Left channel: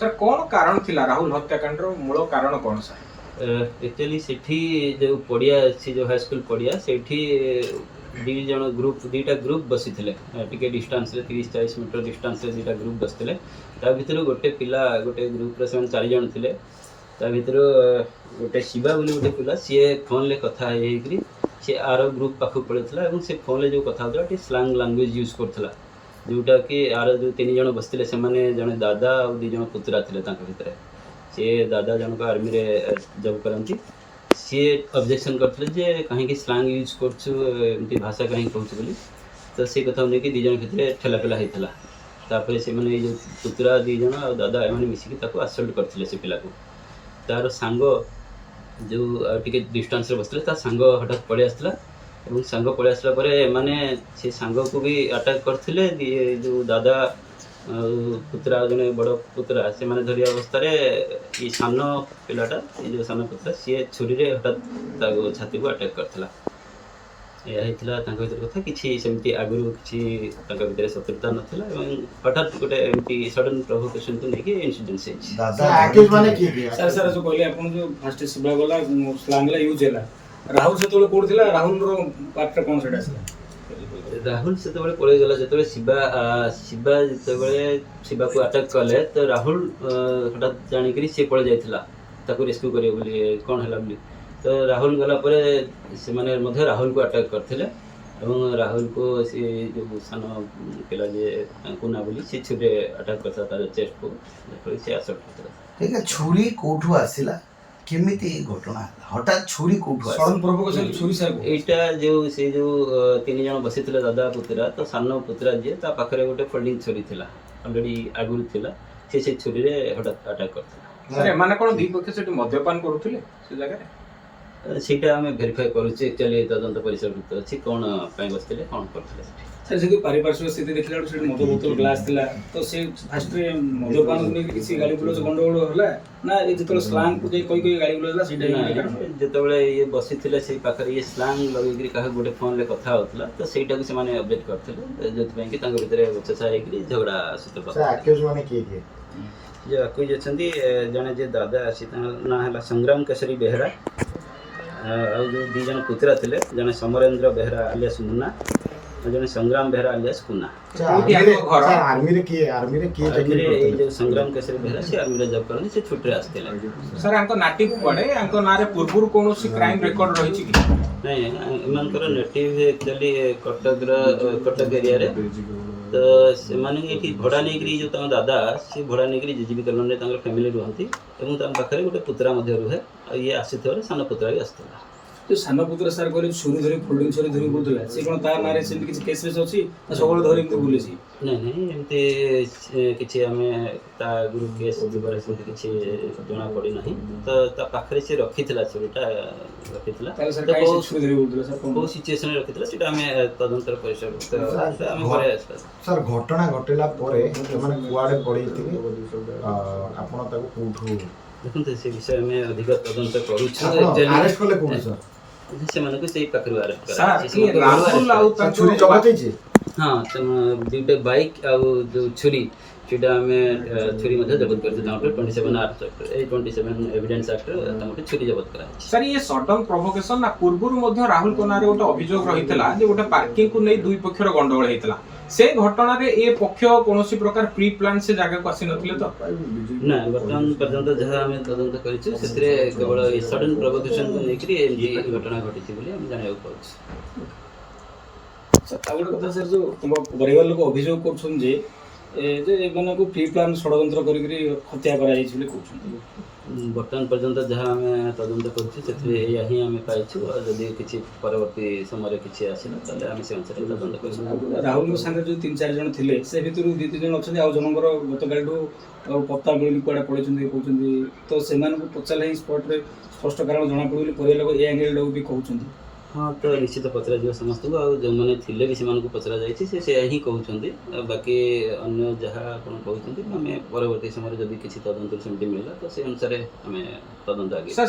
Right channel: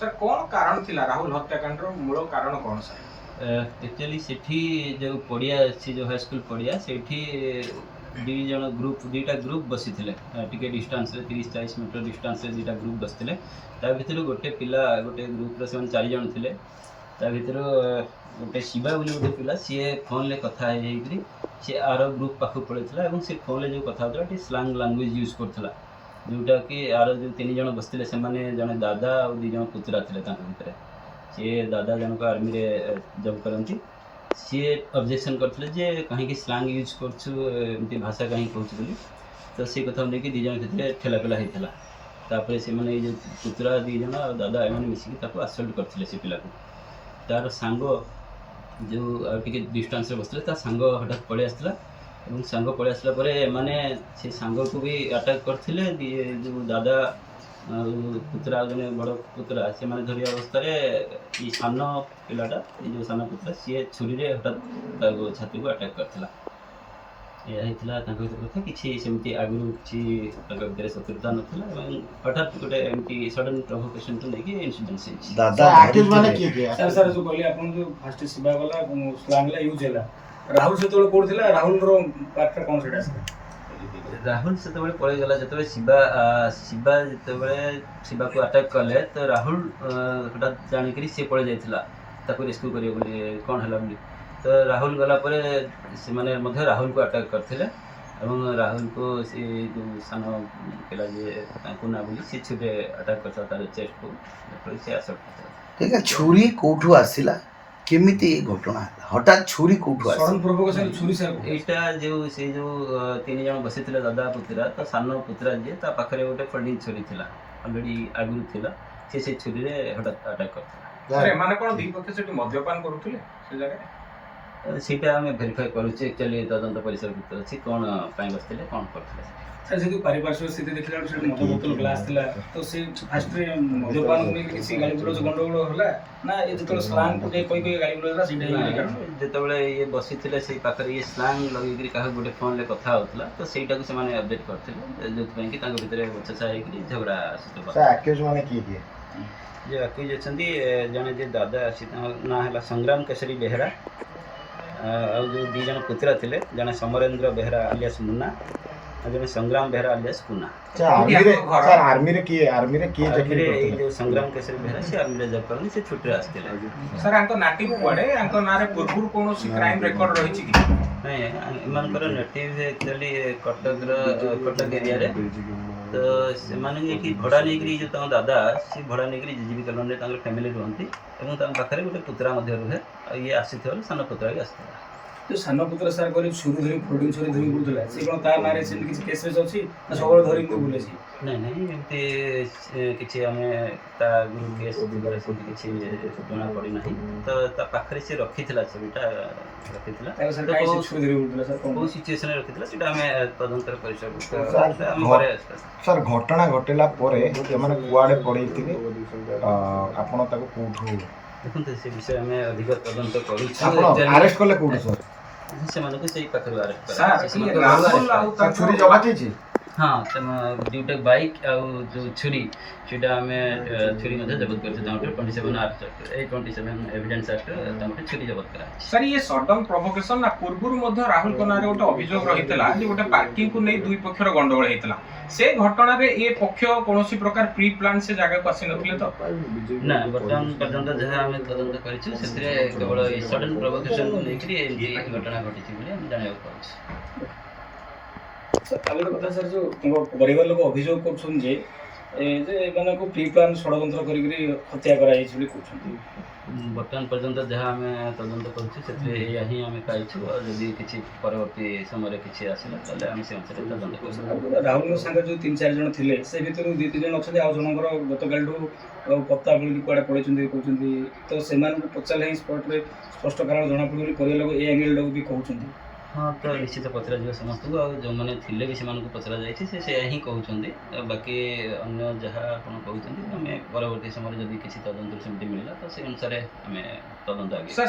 sir कौन कारण थिला राहुल हत्याकांड रो मूल कारण कौन सर एक्चुअली सेठी जो पड़िया अच्छी जो हाई स्कूल पड़िया सेठी दी जन ग्रुप दीटा ग्रुप बसी थे टिके डिस्टेंस रे 30-40 मीटर डिस्टेंस रे दीटा ग्रुप बसते ता भीतर गोटे पिला गोटे ग्रुप रे से 4 जन थिले ता भीतर गोटे शिवा बोली गोटे पिला सी फोन ले कथा हेकरी सी आर ग्रुप पाखु पड़ेला और से फोन ले जो कथा होता टी स्लैंग लैंग्वेज यूज करथला जोटा कि आर जो 3 जन बसते से माने जने दादा और 2 जन पुत्रा थिले तांका भीतर सी दादा जनक आर्मी रे जब करती सी ऑब्जेक्शन करते जे कहीं स्लांग यूज कर भाषा कहीं कहूँ बोली तो से कथा नहीं 2 जन भितर ठेलापेला होता तापर से मैंने जो पुतरा 2 जन और दादा एम मिसिक आसल्ट करते से पिला को तार सांग जो टे डिस्टेंस बसते ता सांग हठात पड़े आसला और सांग पड़े आसला मैंने से सांग को भी अटैक करते जो दादा पुत्रा जने बड़ पुत्रा से माने धरी अवस्था ये सान पिलाटा ये जो सान पुत्रा सी छुरी रे हठात छाती को अटैक करथिला यह भर कथा कि आगुरी किसी शत्रुता नाला हठात गोटे एमती सडन प्रोवोकेशन तो लेकिन इनसीडेंट से सर सर जो कहले आपन जो फर्स्ट शिवा गला स्लैंग ला यूज हैला राहुल से तो कोड थिला राहुल रो पार्ट कोन सेटा राहुल से पड़े गला जो शिवा शिवा जो शिवा को अटैक कले तो राहुल हठात जानिक सी पड़े जाता रेस्क्यू करे कौन है बोली तो राहुल गला से माने राहुल को अटैक करते राहुल को सी जो सान पिला जे कुना बोली सी छुरी अटैक करता चेस्ट को सी असल्ट करता छुरी कोठू आसिला केमिति घटना हठात छुरी कोठू सडन प्रोवोकेशन छुरी सर एटा जो से जो 3 जन बसी थिले दादा पुत्रा तो सान पुत्रा जे ता पाखरे गोटे फोल्डिंग छुरी थिला ऑलरेडी आगुरी थिला से छुरी रे हठात अटैक करता सर माने कोन दी पक्ष सेठी मद्यपान करूथिले से जगह सीटा आम भेरीफाई करुचे एक्चुअली तदंत परिसर अच्छी कौन बसते कौन करते सर जी पारिपार्श्विक स्थिति देखला से मद बोतल ग्लास थिला तो से फास्ट रे मद्यपान को किसी गाली गुलोज गंडगोल होला ना ये जतल स्लैंग को जे कोई गाली गुलोज होला सेटा जेतबेले ये बसी थिले से पाखरे ये स्लैंग लगेकरी कहा गोटे फोन ले कथा होतला तो सेटा को से माने अपडेट करथिले जत पई कि तांको भीतर बचसा हेकरी झगड़ा सूत्रपात सर एक्यूज माने किए जे एक्यूज अछंती जने जे दादा आसी ना हला संग्राम केसरी बेहरा आ जो 2 जन पुत्रा थिले जने समरेंद्र बेहरा अलियास मुन्ना और जने संग्राम बेहरा अलियास कुन्ना सर आर्मी रे जो संग्राम केसरी बेहरा से आर्मी रे जॉब करनी से छुट्टी आस्थिले सर अंको नाटिव पड़े अंको नारे पूर्व कोनोसी क्राइम रिकॉर्ड रही छी कि नहीं एमानकर नेटिव एक्चुअली कटक एरिया रे तो से माने एठी भड़ा नेकरी जो तम दादा से भड़ा नेकरी जीजीबी कॉलोनी रे फैमिली रहंती एवं तम पाखरे गोटे पुत्रा मध्ये रुहे ये आसीथवर सान पुत्रा भी आस्थिला जो सान पुत्र सर करी छुरी धरी फोल्डिंग छुरी धरी बुतला से कोन ता नारे से किछि केसेस अछि ना सबळ धरी बुले छी नहीं एमती किछि हमें ता गुरु केस दिबार से किछि जणा पड़ी नहीं तो ता पाखरे से रखिथिला छुरीटा रखिथिला तो को छुरी धरी बुतला सर को सिचुएशन रे रखिथिला सेटा हमें तदंतर परिसर हम घरे सर घटना घटेला परे माने कुआडे पड़ीथिबे आपण ताको कोठू देखो से विषय में अधिक तदंत करू अरेस्ट करले कोठू सर से माने को से पाखरु अरेस्ट सर राहुल आउ ता छुरी जमा छी हाँ दुटे बाइक आ जो छुरी सेटा हमें छुरी मध्ये जब्त करछे 27 आर्ट 27 एविडेंस एक्ट तमटे छुरी जब्त करा सर ये सडन प्रोवोकेशन ना पूर्वरु मध्ये राहुल को नारे गोटे अभियोग रहितला जे गोटे पार्किंग को नै दुई पक्षर गंडगोल हेतला से घटना रे ए पक्ष कोनोसी प्रकार प्री प्लान से जगह को आसी नथिले तो ना वर्तमान पर्यंत जहा हमें तदंत करिछु सेतरे केवल ए सडन प्रोवोकेशन को लेकरी ए घटना घटिछि बोली हम जानियो पाउछ सर आगे कथा सर जो परिवार लोग अभियोग करछन जे जे माने को प्री प्लान षडयंत्र करी हत्या करा जाइछ बोली कहछन वर्तमान पर्यंत जहाँ आम तदंत करें आम पाइछु और जदि किसी परवर्ती समय किसी आसला ताले आम से अनुसार तदंत कर राहुल संगे जो 3-4 जन थिले से भितर 2-3 जन अच्छा आ जनकर गतकालू पत्ता बोली कुआडे पड़े कहते तो से पचारे स्पट रे स्पष्ट कारण जना पड़ी परिवार लोग ए एंगल टाक भी कहते हाँ तो निश्चित पचरा जा समस्त को जो मैंने थिले भी से पचरा जाइए से ही कहते बाकी अन्य जहाँ आप कहते आम परवर्ती समय जदि किसी तदंत सेमती मिलला तो से अनुसार आम तदंत आगे